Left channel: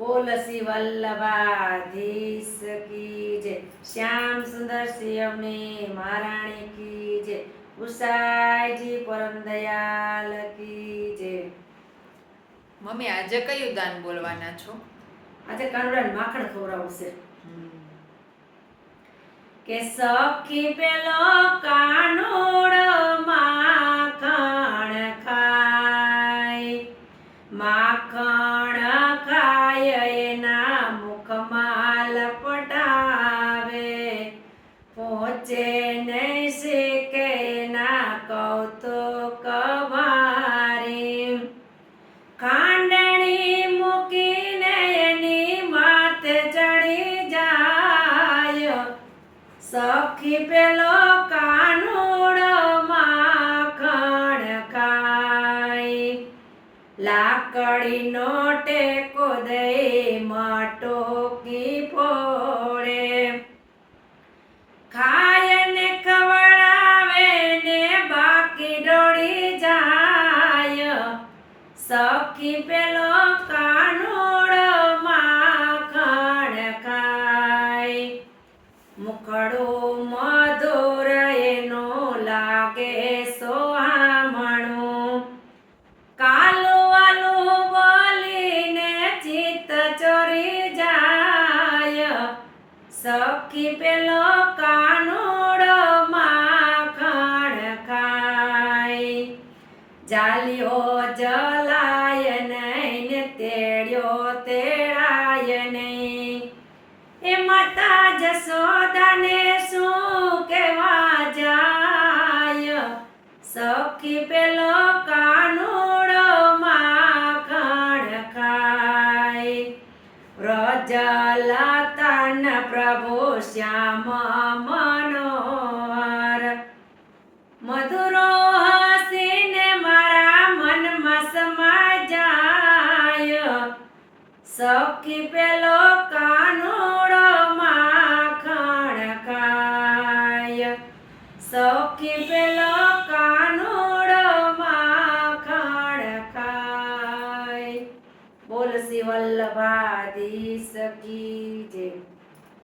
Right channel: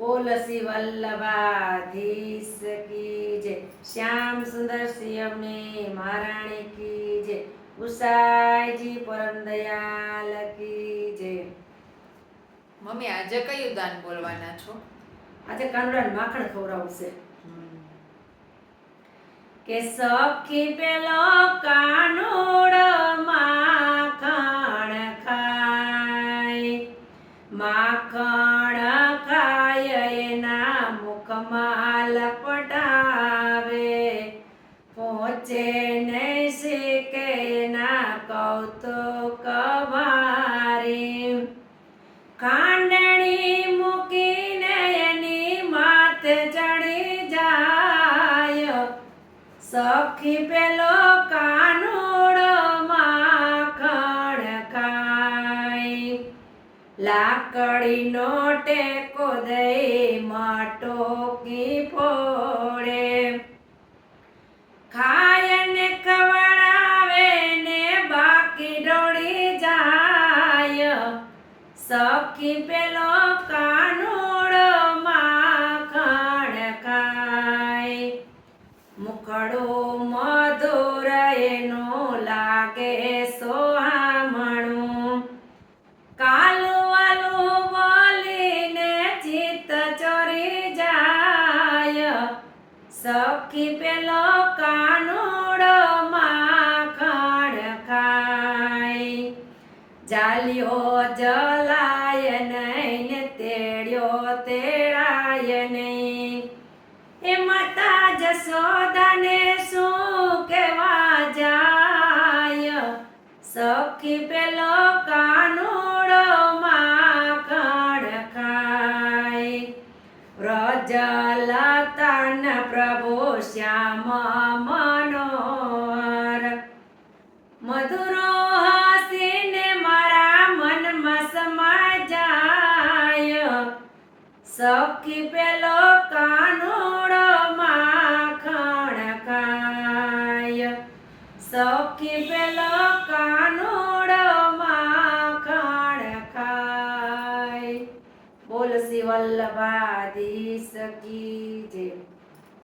બોલ શ્રી વલ્લભાધીશ કી જય. શ્યામ સુંદર સિંહની મહારાણી કી જય. ગુસાઈજી પરમ દયાલ કી જય. મમ્મી આજે કયું દાન બોલવાના છો? આજે કાનુડાને માખણ ખવડાવશે કે સખી પેલો કાનુડ માખણ ખાય એના મુખમાં લપટાવે. પહોંચે ને શીખે ના કૌતુક વારી. ખાંડણી મૂકીને એની માથે ચડી જાય. સખી પેલો કાનુડો લાકડીનો ટેકો દઈ માટોકી ફોડે. ખાય ને ખવડાવે ને બાકી ડોળી જાય. સખી પેલો કાનુડો માખણ ખાય. મુખડો જાય. સખી પેલો કાનુડો માખણ ખાય. જાલ્યો જલાય નહીં તેડ્યો તેડાય નહીં. એ માતા જશોદાને શું વ્રજલતન પ્રભુ શ્યામ મનોહર. મધુરો હસીને મારા મનમાં સમાય જાય સખી પેલો કાનુડો માખણ ખાય. સખી બોલ શિવલ્લભાધી સખી જે